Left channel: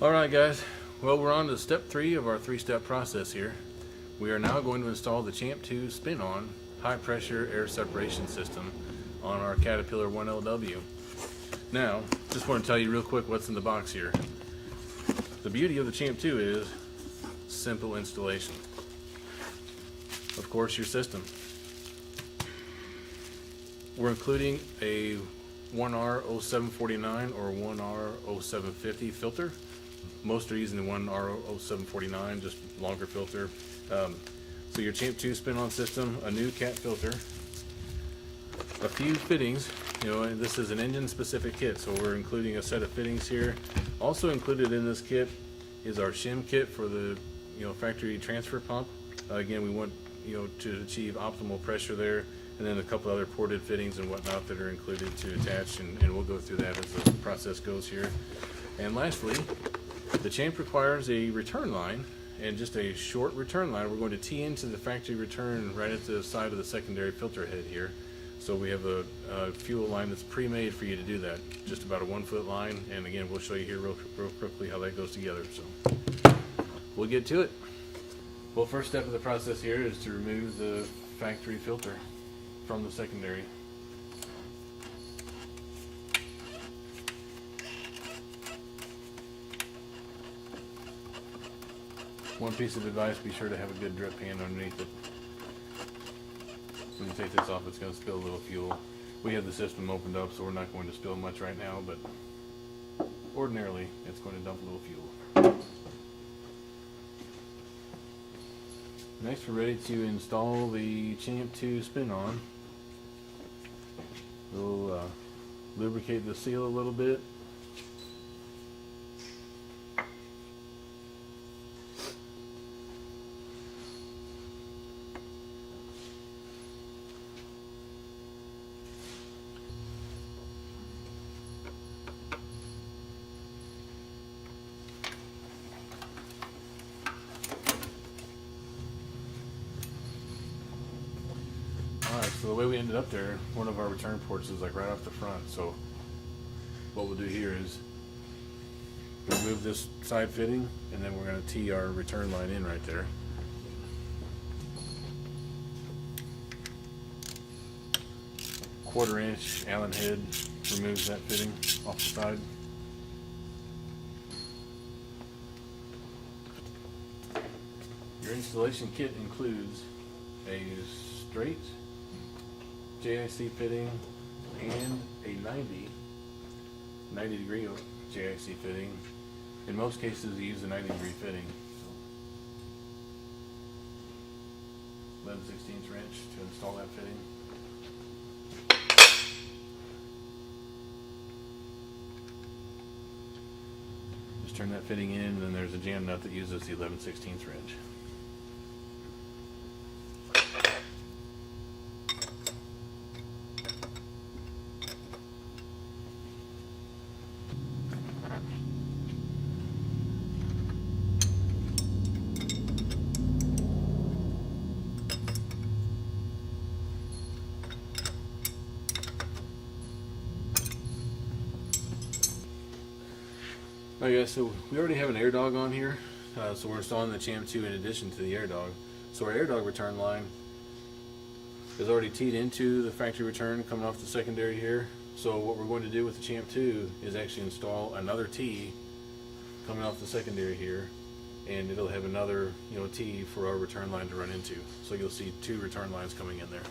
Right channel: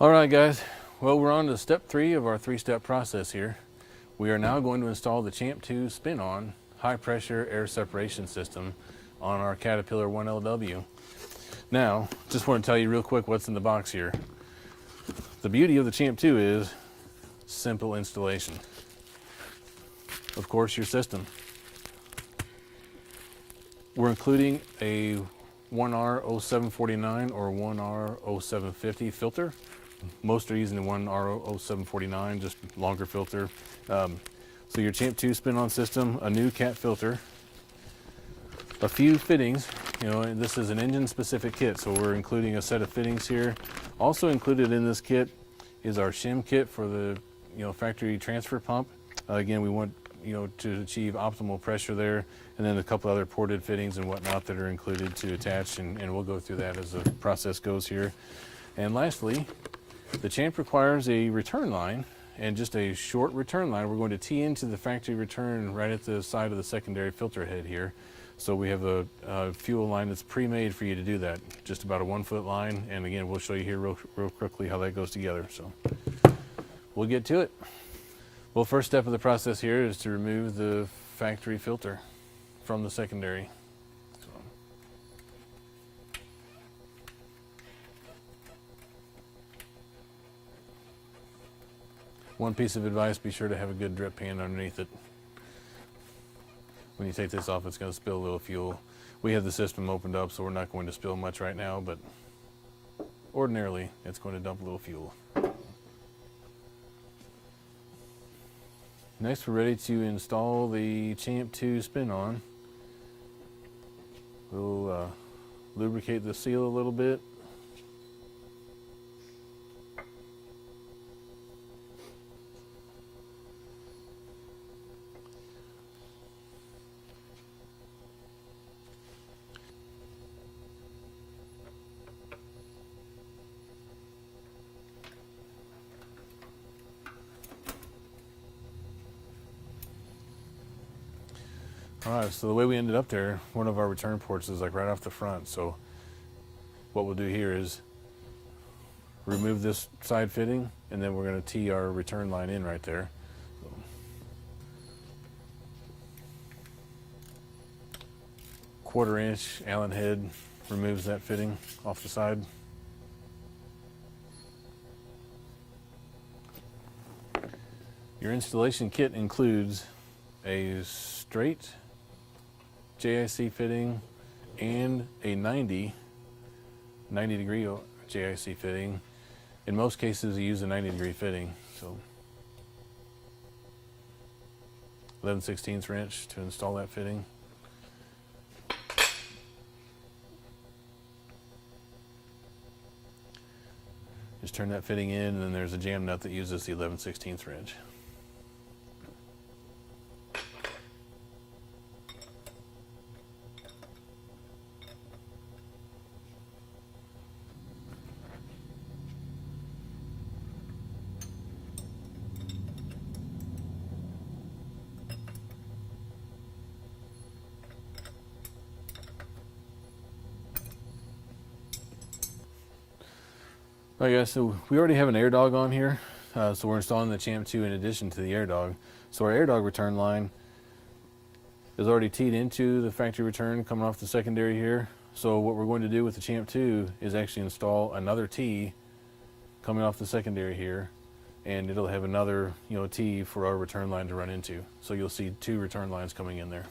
Alright guys, well we're on to step 3 of our 3-step process here. We are now going to install the Champ 2 spin-on high pressure air separation system on our Caterpillar 1LW. Now, just want to tell you real quick what's in the box here. The beauty of the Champ 2 is simple installation. Of course, your system. We're including a 1R0749 or 1R0750 filter. Most are using the 1R0749, just longer filter. So your Champ 2 spin-on system, a new cat filter, a few fittings. You know, this is an engine-specific kit, so we're including a set of fittings here. Also included in this kit is our shim kit for the factory transfer pump. Again, we want to achieve optimal pressure there, and then a couple other ported fittings and whatnot that are included to attach, and we'll go through that as the process goes here. And lastly, the Champ requires a return line, and just a short return line. We're going to tee into the factory return right at the side of the secondary filter head here. So we have a fuel line that's pre-made for you to do that. Just about a 1-foot line, and again, we'll show you here real quickly how that goes together. So we'll get to it. Well, first step of the process here is to remove the factory filter from the secondary. One piece of advice, be sure to have a good drip pan underneath it. When you take this off, it's going to spill a little fuel. We have the system opened up, so we're not going to spill much right now, but ordinarily it's going to dump a little fuel. Next, we're ready to install the Champ 2 spin-on. We'll lubricate the seal a little bit. Alright, so the way we ended up there, one of our return ports is like right off the front. So what we'll do here is remove this side fitting, and then we're going to tee our return line in right there. Quarter-inch Allen head removes that fitting off the side. Your installation kit includes a straight JIC fitting and a 90 degree JIC fitting. In most cases you use a 90-degree fitting, so 11/16 wrench to install that fitting. Just turn that fitting in, and then there's a jam nut that uses the 11/16 wrench. Alright guys, so we already have an air dog on here, so we're installing the Champ 2 in addition to the air dog. So our air dog return line is already teed into the factory return coming off the secondary here. So what we're going to do with the Champ 2 is actually install another tee coming off the secondary here, and it'll have another tee for our return line to run into. So you'll see 2 return lines coming in there.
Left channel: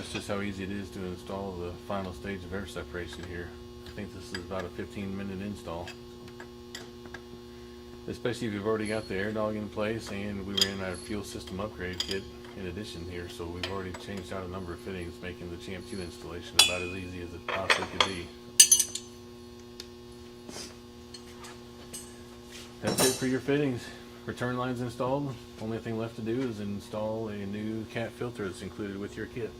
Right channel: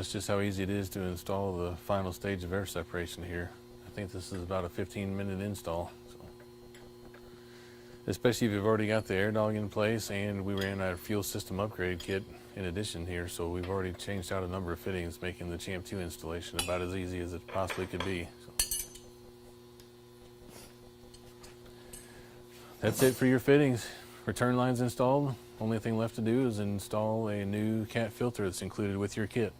that's just how easy it is to install the final stage of air separation here. I think this is about a 15-minute install. Especially if you've already got the air dog in place, and we ran our fuel system upgrade kit in addition here, so we've already changed out a number of fittings, making the Champ 2 installation about as easy as it possibly could be. That's it for your fittings. Return lines installed. Only thing left to do is install a new cat filter that's included with your kit.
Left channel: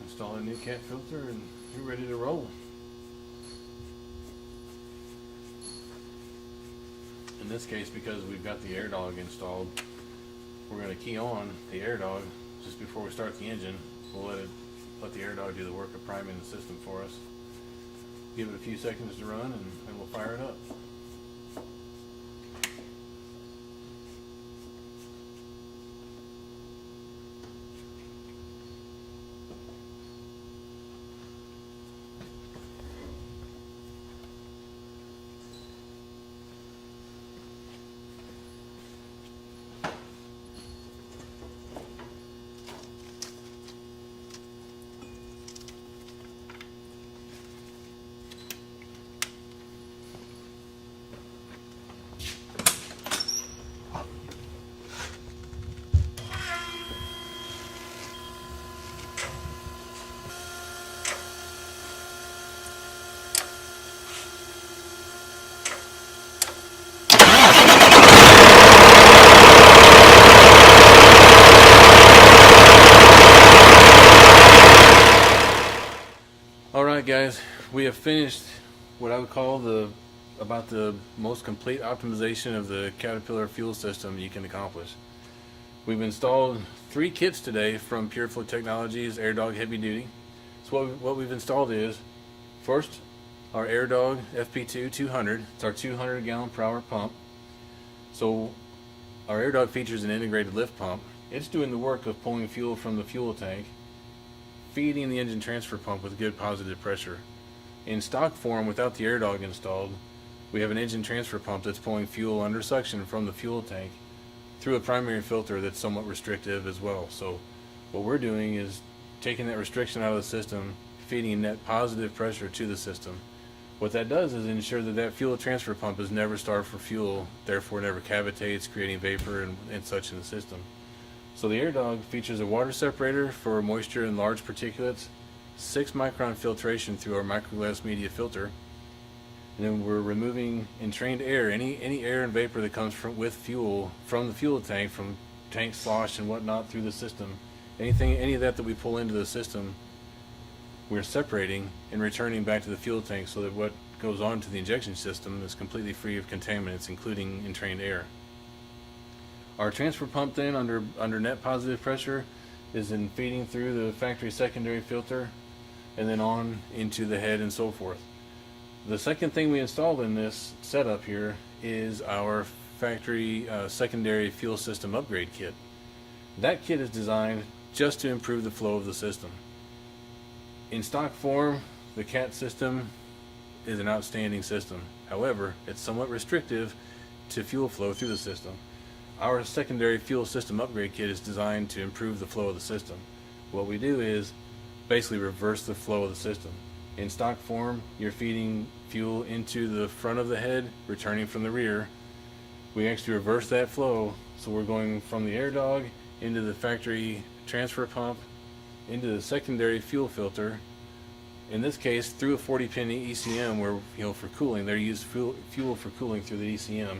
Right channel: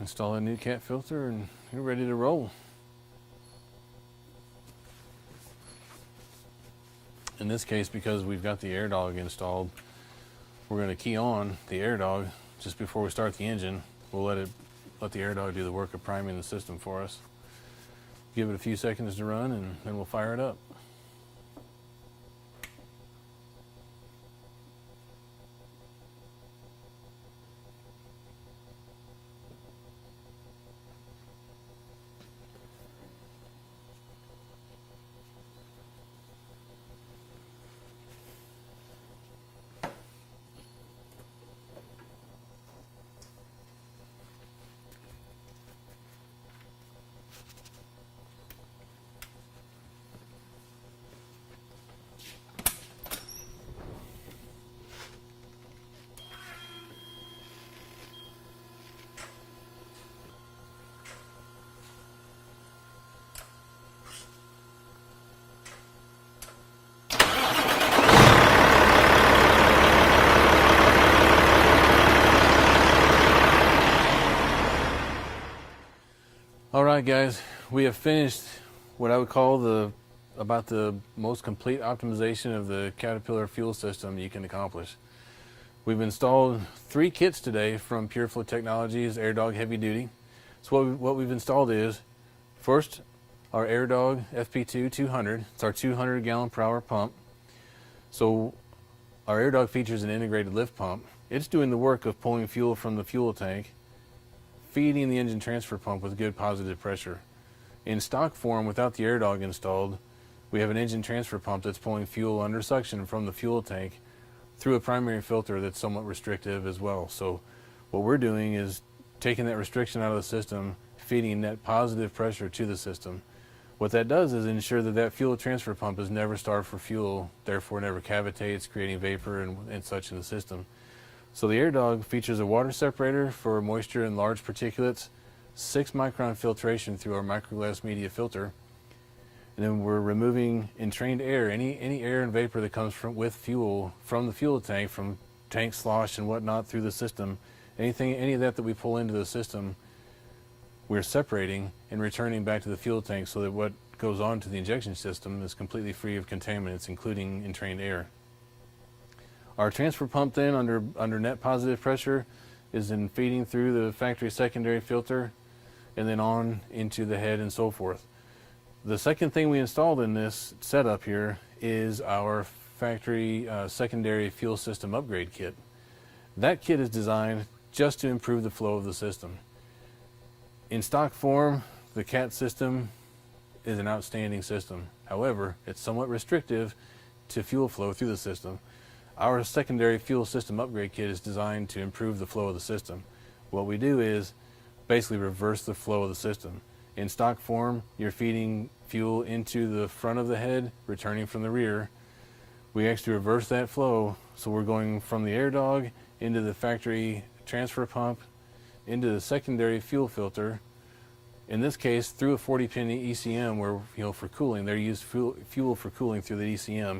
Install a new cat filter and you're ready to roll. In this case, because we've got the air dog installed, we're going to key on the air dog just before we start the engine. We'll let the air dog do the work of priming the system for us. Give it a few seconds to run and then we'll fire it up. Alright guys, we have finished what I would call about the most complete optimization of the Caterpillar fuel system you can accomplish. We've installed 3 kits today from PureFlow Technologies AirDog Heavy Duty. So what we've installed is, first, our AirDog FP2 200. It's our 200 gallon per hour pump. So our AirDog features an integrated lift pump. It's doing the work of pulling fuel from the fuel tank, feeding the engine transfer pump with good positive pressure. In stock form, without the AirDog installed, we have an engine transfer pump that's pulling fuel under suction from the fuel tank through a primary filter that's somewhat restrictive as well. So what we're doing is taking that restriction out of the system, feeding net positive pressure to the system. What that does is ensure that that fuel transfer pump is never starved for fuel, therefore never cavitates, creating vapor and such in the system. So the AirDog features a water separator for moisture and large particulates, 6 micron filtration through our microglass media filter, and then we're removing entrained air, any air and vapor that comes with fuel from the fuel tank, from tank slosh and whatnot through the system. Any of that we pull into the system, we're separating and returning back to the fuel tank so that what goes on to the injection system is completely free of contaminants, including entrained air. Our transfer pump then, under net positive pressure, is then feeding through the factory secondary filter and then on into the head and so forth. The second thing we installed in this setup here is our factory secondary fuel system upgrade kit. That kit is designed just to improve the flow of the system. In stock form, the CAT system is an outstanding system. However, it's somewhat restrictive to fuel flow through the system. Our secondary fuel system upgrade kit is designed to improve the flow of the system. What we do is basically reverse the flow of the system. In stock form, you're feeding fuel into the front of the head, returning from the rear. We actually reverse that flow, so we're going from the AirDog into the factory transfer pump, into the secondary fuel filter. In this case, through a 40-pin ECM, where for cooling, they use fuel for cooling through the ECM.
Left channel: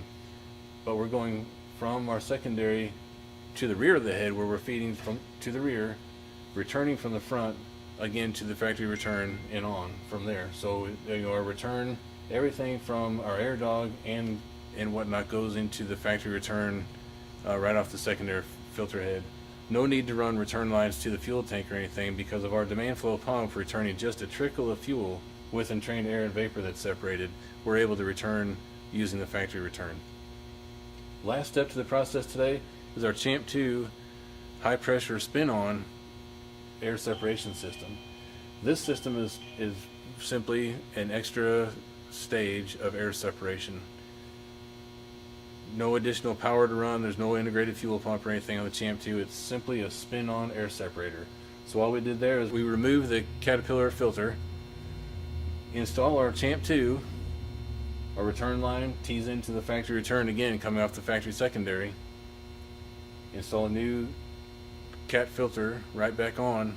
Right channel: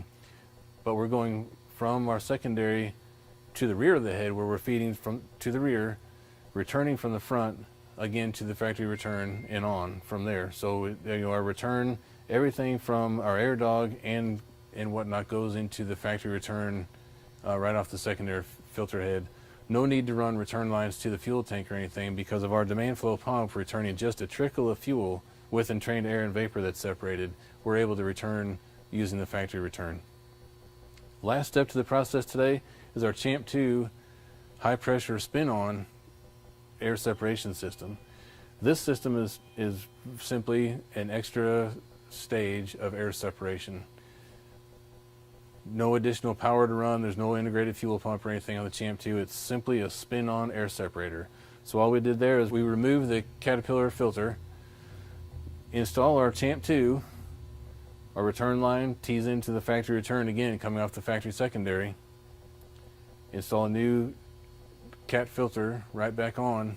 But we're going from our secondary to the rear of the head, where we're feeding to the rear, returning from the front again to the factory return and on from there. So our return, everything from our AirDog and whatnot goes into the factory return right off the secondary filter head. No need to run return lines to the fuel tank or anything because of our demand flow pump returning just a trickle of fuel with entrained air and vapor that's separated. We're able to return using the factory return. Last step to the process today is our Champ 2 high pressure spin-on air separation system. This system is simply an extra stage of air separation. No additional power to run, there's no integrated fuel pump or anything on the Champ 2, it's simply a spin-on air separator. So all we did there is we removed the Caterpillar filter, install our Champ 2, our return line tees into the factory return again coming off the factory secondary, install a new cat filter right back on,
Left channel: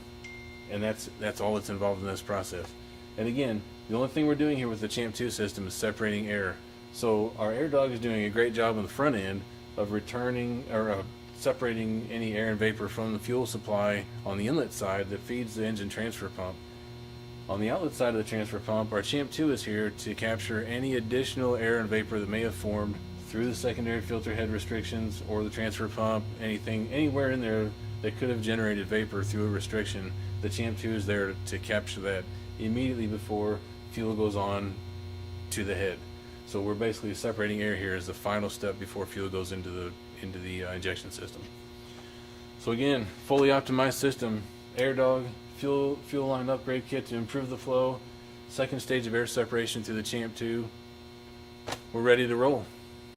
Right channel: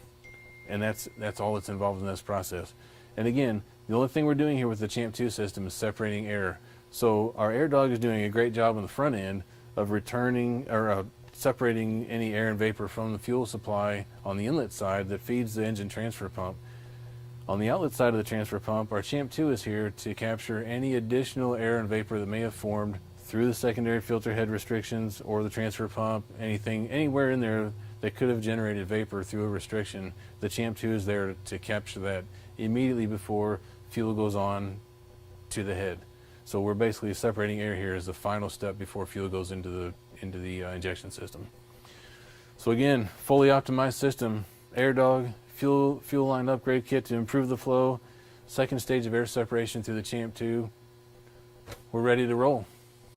and that's all that's involved in this process. And again, the only thing we're doing here with the Champ 2 system is separating air. So our air dog is doing a great job on the front end of returning or separating any air and vapor from the fuel supply on the inlet side that feeds the engine transfer pump. On the outlet side of the transfer pump, our Champ 2 is here to capture any additional air and vapor that may have formed through the secondary filter head restrictions or the transfer pump, anywhere in there that could have generated vapor through a restriction. The Champ 2 is there to capture that immediately before fuel goes on to the head. So we're basically separating air here as the final step before fuel goes into the injection system. So again, fully optimized system, air dog, fuel line upgrade kit to improve the flow, second stage of air separation through the Champ 2. We're ready to roll.